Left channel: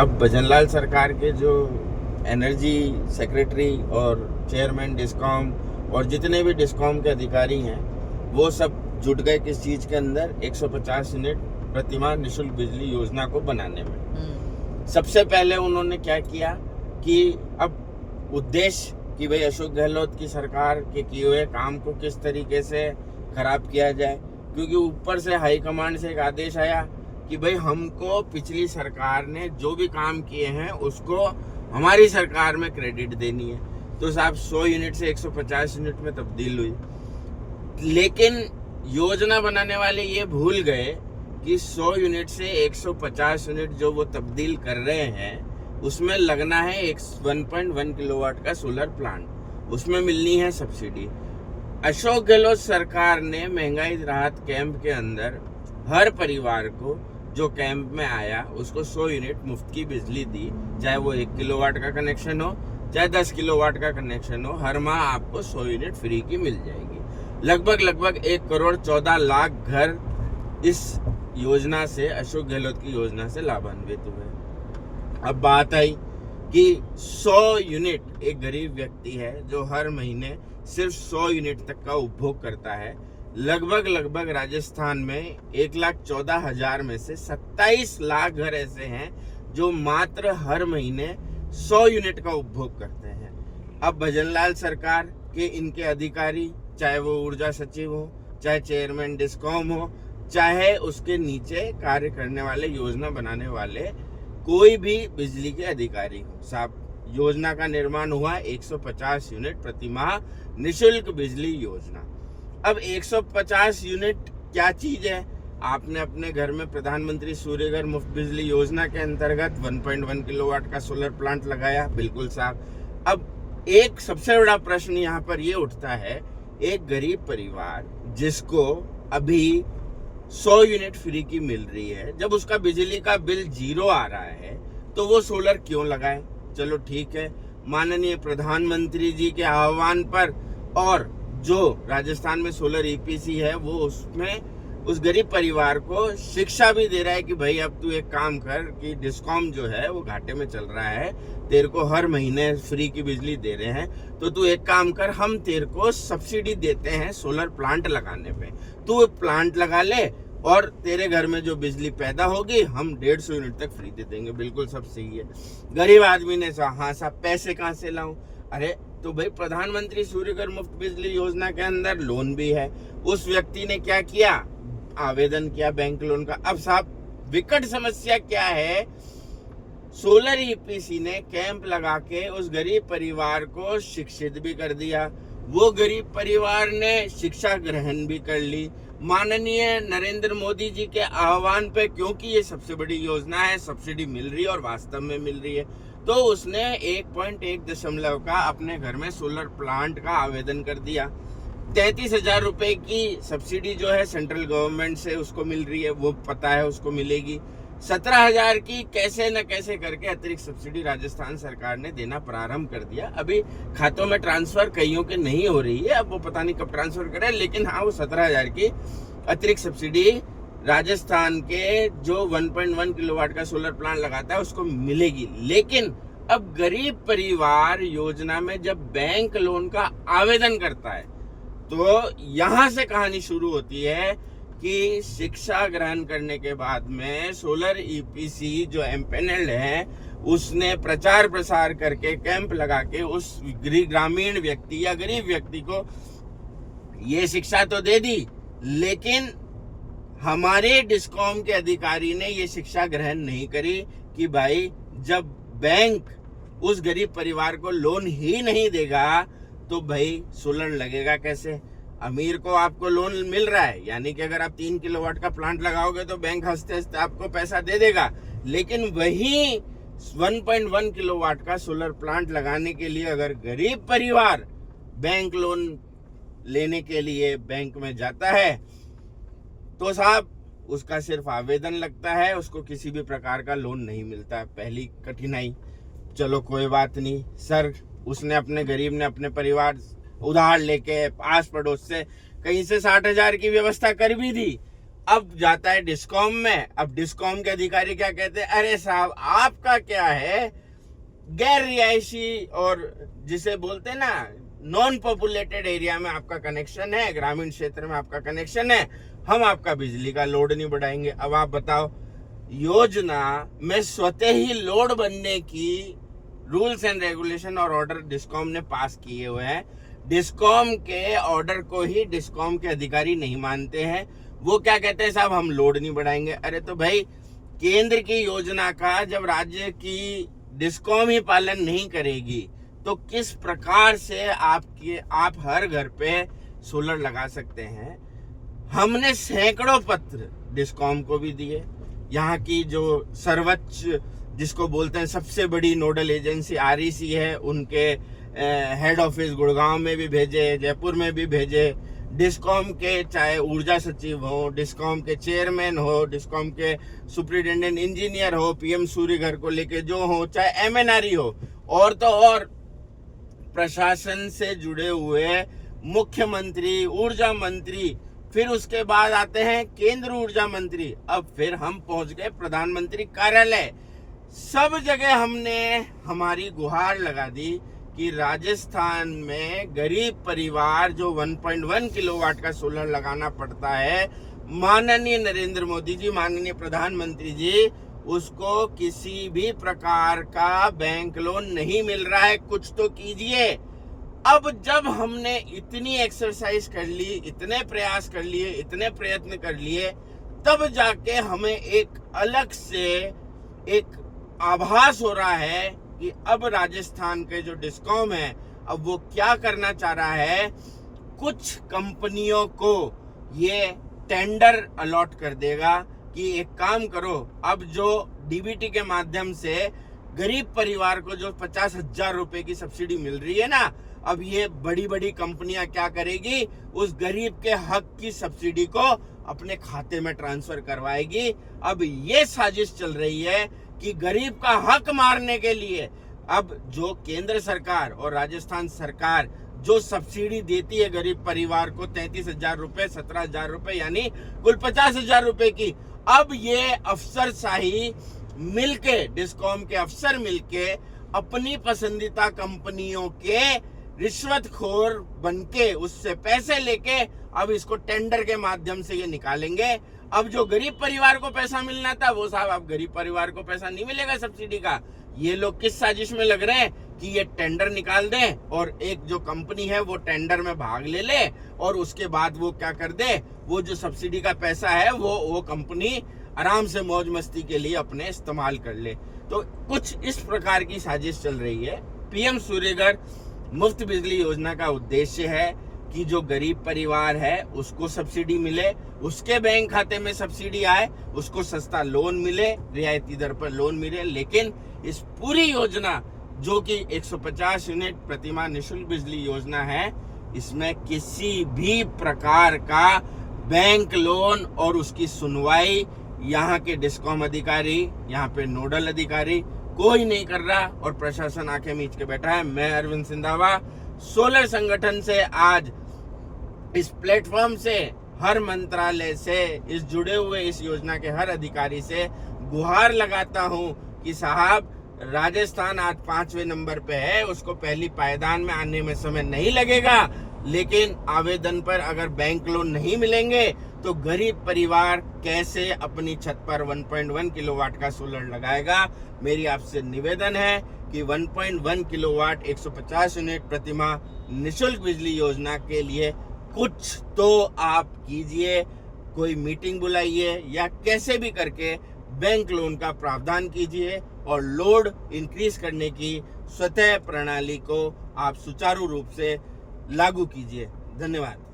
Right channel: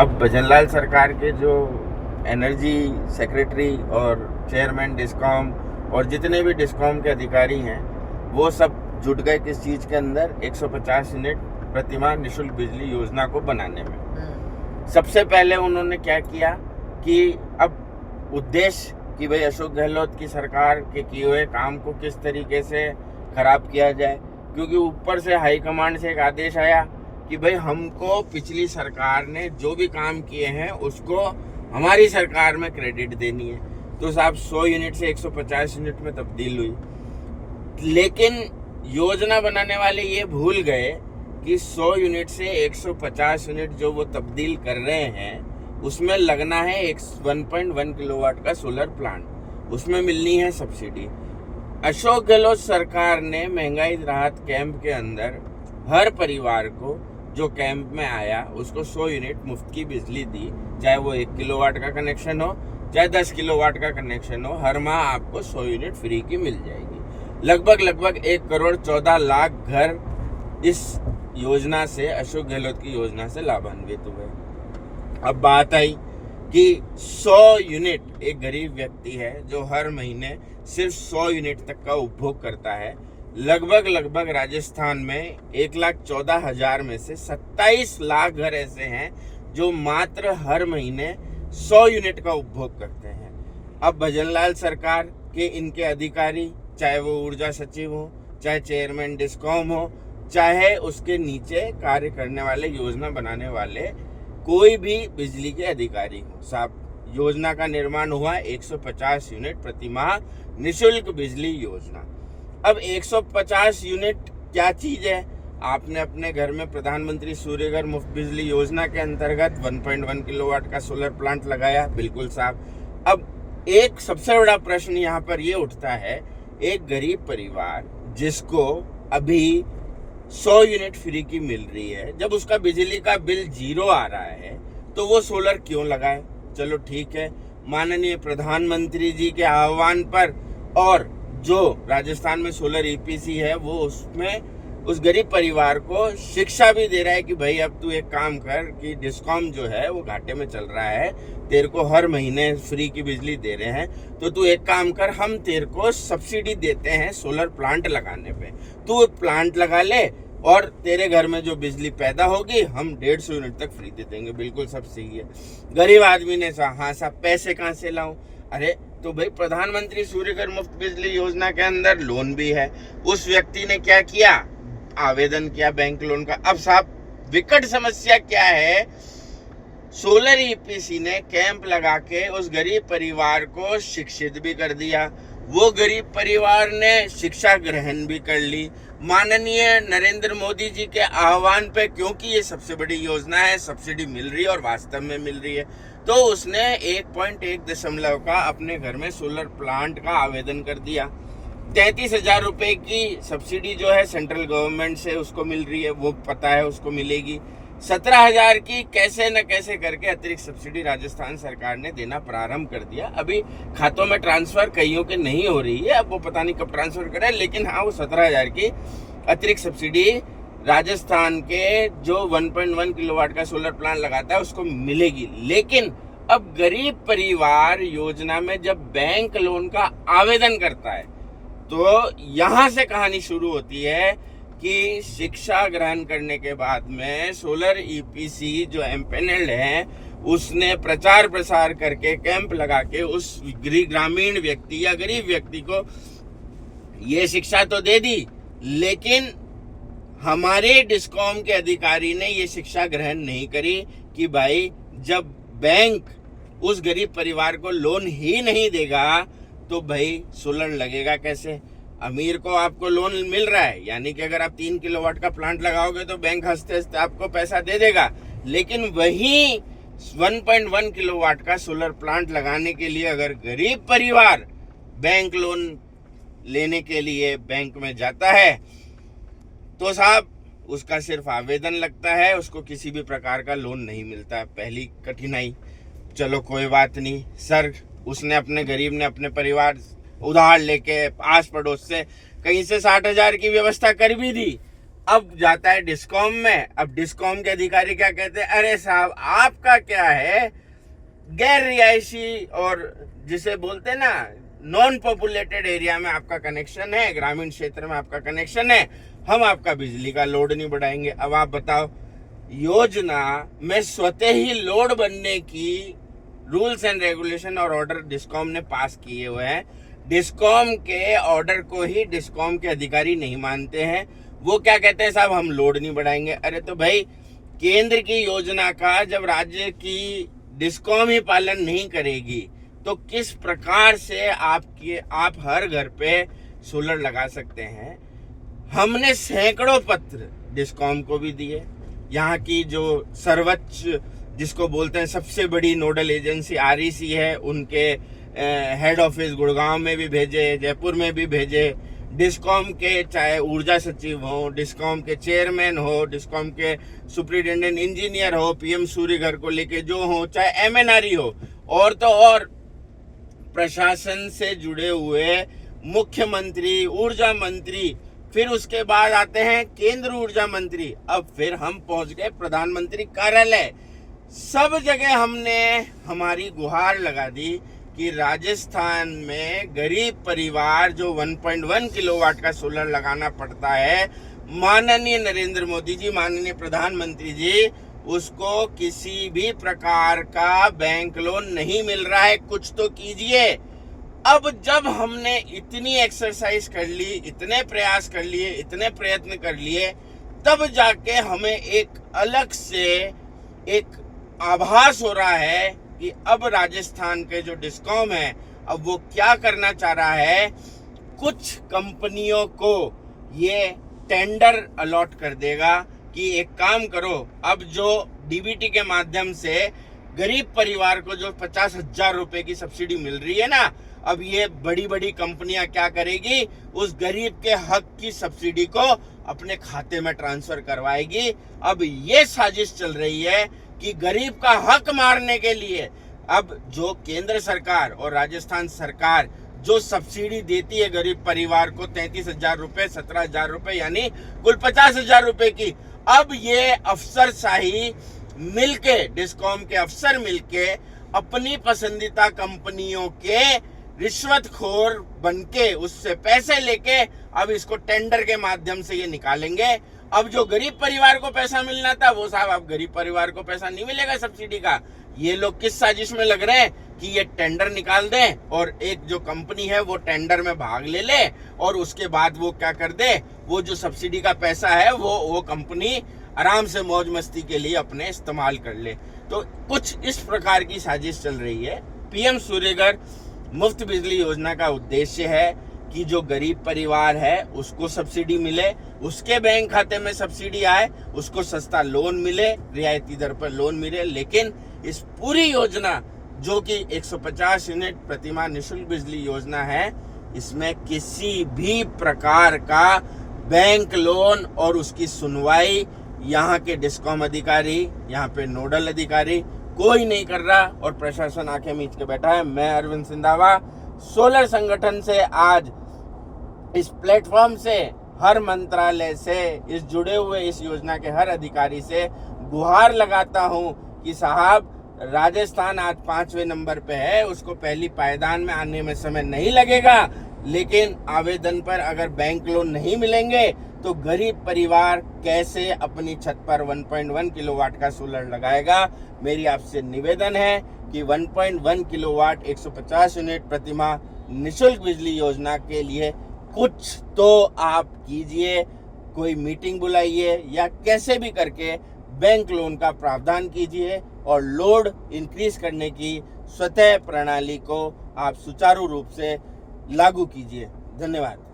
अब भजनलाल सरकार के जो एनर्जी सेक्रेटरी और चेयरमैन डिस्कॉम और जितने भी डिस्कॉम के अधिकारी हैं वो सब जुट गए किस चीज़ के अंदर 150 यूनिट प्रतिमाह निःशुल्क बिजली योजना को बनाने में। सबसे पहले उन्होंने क्या किया कि अब उद्देश्य कि भाई अशोक गहलोत की सरकार के किए हुए काम को किस तरीके से खराब किया जाए, क्योंकि ऊपर से हाईकमांड से एक आदेश आया कि भाई हमको पिछली सरकार ने जो भी काम किए हैं उसको हमारी सरकार में क्रेडिट देनी है। तो साहब 100 यूनिट से 150 यूनिट में तब्दील हुई, लेकिन योजना बनाने वाले ये भूल गए कि 100 यूनिट से 150 यूनिट जो वो तब्दील कर रहे हैं उसमें लगना है 1.1 किलोवाट का सोलर प्लांट, उसमें मिलनी है सब्सिडी। अशोक गहलोत सरकार ने महंगाई राहत कैंप के अंदर हर परिवार को जो कैंप में आया उसको 100 यूनिट मुफ्त की बिजली दी, चाहे वो 1 किलोवाट का कनेक्शन हो चाहे 10 किलोवाट का कनेक्शन हो, हर माह आपको 100 यूनिट फ्री की मिल जाएगी। लगभग 1 करोड़ 14 लाख घर इस योजना से, अशोक गहलोत की योजना से लाभान्वित हुए। अब बात आई कि 100 यूनिट एक गरीब व्यक्ति है जो हर महीने सिर्फ 100 यूनिट तक का उपभोग करता है। लगभग राजस्थान में 1,14,000 में से 27 लाख घर ऐसे हैं जो मात्र हर महीने 100 यूनिट का उपभोग करते हैं। अब भजनलाल सरकार के इनके अधिकारी, चाहे वो ऊर्जा सचिव हो, चाहे चेयरमैन डिस्कॉम हो, चाहे उसके नीचे कार्य करने वाले, योजना बनाने वाले कोई भी बिजली के अधिकारी हो, साहब योजना का निर्माण हुआ 150 यूनिट प्रतिमाह निःशुल्क बिजली योजना। अब 150 यूनिट क्या चीज है? आपने अपने घर में प्रधानमंत्री सूर्यघर मुफ्त बिजली योजना के अंतर्गत 1.1 किलोवाट का सोलर प्लांट लगाया, बिल्कुल साहब। अब एक सबसे बड़ा प्रश्न यहाँ पर ये उठता है, एक गरीब परिवार जिसको अभी 100 यूनिट फ्री की मिल रही है, जब उसका बिजली का बिल 0 आ रहा है तो वो सोलर क्यों लगाए? चलो ठीक है, माननीय प्रधानमंत्री जी के आह्वान पर और जो राजस्थान में सोलर ईपीसी है वो उसमें उस गरीब परिवार को शिक्षा भी दे रहा है कि भाई अब तू एक काम कर कि डिस्कॉम जो है वो घाटे में चल रहा है, तेरे को हर महीने फ्री की बिजली दे रहे हैं, तो तू एक काम कर, हम तेरे को सब्सिडी देते हैं सोलर प्लांट लगाने पे, तू प्लांट लगा ले और तेरे घर में जो बिजली पैदा होगी हम 150 यूनिट तक फ्री दे देंगे। बिल्कुल सब सही है। गरीब आदमी ने हाँ साहब पैसे कहाँ से लाऊं? अरे तो भाई प्रधानमंत्री सूर्यघर मुफ्त बिजली योजना के अंदर लोन भी है। उस व्यक्ति ने क्या किया? आवेदन किया बैंक लोन का। अब साहब विकट समस्या क्या है? सोलर ईपीसी ने कैंप लगा के उस गरीब परिवार को शिक्षित भी कर दिया, वो गरीब परिवार ने शिक्षा ग्रहण भी कर ली माननीय नरेंद्र मोदी जी के आह्वान पे, क्योंकि ये सबसे बड़ी योजना है, सब्सिडी मिल रही है और वास्तव में मिल रही है। तो उसने 1.1 का अपने घर में सोलर प्लांट का आवेदन कर दिया। 33,000 रुपए की सब्सिडी जो है सेंट्रल गवर्नमेंट से उसको मिल रही है, वो पता है उसको मिलेगी। 17,000 की कैसे न कैसे करके अतिरिक्त सब्सिडी राजस्थान सरकार ने देना प्रारंभ कर दिया। अभी खातों में ट्रांसफर कईयों के नहीं हो रही है, अब वो पता नहीं कब ट्रांसफर करे, लेकिन हाँ वो 17,000 की अतिरिक्त सब्सिडी राजस्थान के जो 1.1 किलोवाट का सोलर प्लांट लगाता है उसको मिलेगी। लेकिन अब गरीब परिवार योजना में जब बैंक लोन का आवेदन करता है तो यहाँ से कहानी शुरू होती है कि शिक्षा ग्रहण करने के बाद में सोलर ईपीसी जो एम्पेनल्ड है उसने प्रचार प्रसार करके कैंप लगा के उस ग्रामीण व्यक्ति या गरीब व्यक्ति को ये शिक्षा तो दे दी, लेकिन हमारे डिस्कॉम के अधिकारी ने ये शिक्षा ग्रहण नहीं करी कि भाई जब बैंक उस गरीब परिवार को लोन ही नहीं देगा तो भाई सोलर लगेगा कैसे? अमीर को आपको लोन मिल रहा है, यानी कि अगर आप 3 किलोवाट का प्लांट लगाओगे तो बैंक हंसते हंसते आपको पैसा दे देगा, लेकिन वही 1.1 किलोवाट का सोलर प्लांट लगाने के लिए अगर गरीब परिवार बैंक लोन लेने के लिए बैंक में जाता है तो साहब उसका सिर्फ आवेदन लगता है, उसको किसी भी प्रकार का लोन नहीं मिलता। पहली कठिनाई। चलो कोई बात नहीं सर, उसने अपने गरीब ने अपने परिवार उधार लेके आस पड़ोस से कहीं से 60,000 की व्यवस्था कर भी दी। अब जाता है डिस्कॉम में। अब डिस्कॉम के अधिकारी क्या कहते हैं, अरे साहब आपका क्या है, गैर रिहायशी और जिसे बोलते हैं ना नॉन पॉपुलेटेड एरिया में आपका कनेक्शन है, ग्रामीण क्षेत्र में आपका कनेक्शन है, हम आपका बिजली का लोड नहीं बढ़ाएंगे। अब आप बताओ, योजना में स्वतः ही लोड बनने की रूल्स एंड रेगुलेशन और ऑर्डर डिस्कॉम ने पास किए हुए हैं। डिस्कॉम के ऑर्डर को ही डिस्कॉम के अधिकारी नहीं मानते हैं। वो क्या कहते हैं, साहब हम लोड नहीं बढ़ाएंगे। अरे तो भाई, केंद्र की योजना का जब राज्य की डिस्कॉम ही पालन नहीं करेगी तो किस प्रकार से आप हर घर पे सोलर लगा सकते हैं। हमने सैकड़ों पत्र डिस्कॉम को भी दिए, यहाँ की जो सर्वोच्च जिसको बोलते हैं सबसे बड़ी नोडल एजेंसी REC है, उनके हेड ऑफिस गुड़गांव में भी भेजे, जयपुर में भी भेजे। डिस्कॉम के चाहे ऊर्जा सचिव हो, डिस्कॉम के चेयरमैन हो, डिस्कॉम के सुपरिटेंडेंट इंजीनियर हो, PM सूर्य घर को लेके जो हो, चाहे MNRE हो, और तो और प्रशासन से जुड़े हुए मुख्यमंत्री, ऊर्जा मंत्री, फिर उसके बाद आते हैं केंद्र ऊर्जा मंत्री, अब फिर हम पहुंच गए प्रधानमंत्री कार्यालय। सब जगह हमने हमारी गुहार लगा दी कि राजस्थान में गरीब परिवार जो 1.1 किलोवाट का सोलर लगाना पड़ता है, माननीय नरेंद्र मोदी जी, माननीय प्रधानमंत्री जी, उसको किसी भी प्रकार का बैंक लोन नहीं मिल रहा है। कुछ तो कीजिए। अब जब हमने इतनी एक्सरसाइज कर ली, इतने प्रयास कर लिए, इतने प्रयत्न कर लिए, तब जाके हमें एक अलग से एक आभास हो रहा है कि अब राजस्थान के जो डिस्कॉम है, अब वो क्या करना चाह रहा है, कुछ कंपनियों को ये टेंडर अलॉट कर देगा कि एक काम करो, अब जो DBT के माध्यम से गरीब परिवार को जो 50,000 रुपए की सब्सिडी मिल रही है ना, अब ये बड़ी बड़ी कंपनियां क्या करेगी, उस गरीब के हक की सब्सिडी को अपने खाते में ट्रांसफर करवाएगी। अब ये साजिश चल रही है कि गरीब का हक मारने के लिए अब जो केंद्र सरकार और राजस्थान सरकार जो सब्सिडी देती है गरीब परिवार को 33,000 रुपए, 17,000 रुपए, यानी कुल 50,000 रुपए की, अब ये अफसरशाही मिलके, डिस्कॉम के अफसर मिलके अपनी पसंदीदा कंपनियों के रिश्वतखोर बनके उससे पैसे लेके अब इसको टेंडर के माध्यम से ये निकालेंगे। अब जो गरीब परिवार को पैसा मिलना था, वो साहब अब गरीब परिवार को पैसा नहीं मिलेगा सब्सिडी का। ये लोग किस साजिश में लग रहे हैं कि ये टेंडर निकाल दें और एक जो कंपनी है वो टेंडर में भाग ले और उसके बाद वो क्या कर दे, वो जो सब्सिडी का पैसा है वो कंपनी आराम से मौज मस्ती के लिए अपने इस्तेमाल कर ले। तो कुछ इस प्रकार की साजिश चल रही है। PM सूर्यघर मुफ्त बिजली योजना का उद्देश्य है कि जो गरीब परिवार है उसको सब्सिडी मिले, उसके बैंक खाते में सब्सिडी आए, उसको सस्ता लोन मिले, रियायती दर पर लोन मिले। लेकिन इस पूरी योजना जो कि 150 यूनिट प्रतिमाह निःशुल्क बिजली योजना है, इसमें किसी भी प्रकार का बैंक लोन और उसकी सुनवाई यहाँ के डिस्कॉम अधिकारी, यहाँ पे नोडल अधिकारी कोई नहीं कर रहा और प्रशासन आंखें मीच के बैठा है। मैं अरविंद सिंधावा सोलर संगठन से आज इस प्लेटफॉर्म से, हर मंत्रालय से, इस जुड़े हुए इस योजना के हर अधिकारी से गुहार लगाता हूं कि साहब, राजस्थान आज 5वें नंबर पे है, उसको पहली पायदान में आने में समय नहीं लगेगा, लेकिन आवेदन पर अगर बैंक लोन नहीं मिलेंगे तो गरीब परिवार कैसे अपनी छत पर 1.1 किलोवाट का सोलर लगाएगा। मेरी आपसे निवेदन है कि 1.1 किलोवाट 150 यूनिट प्रतिमाह निःशुल्क बिजली योजना के लिए कुछ तो आप कीजिए, कोई मीटिंग बुलाइए या कैसे भी करके बैंक लोन का प्रावधान कीजिए और लोड इंक्रीज करने की स्वतः प्रणाली को आप सुचारू रूप से लागू कीजिए। धन्यवाद।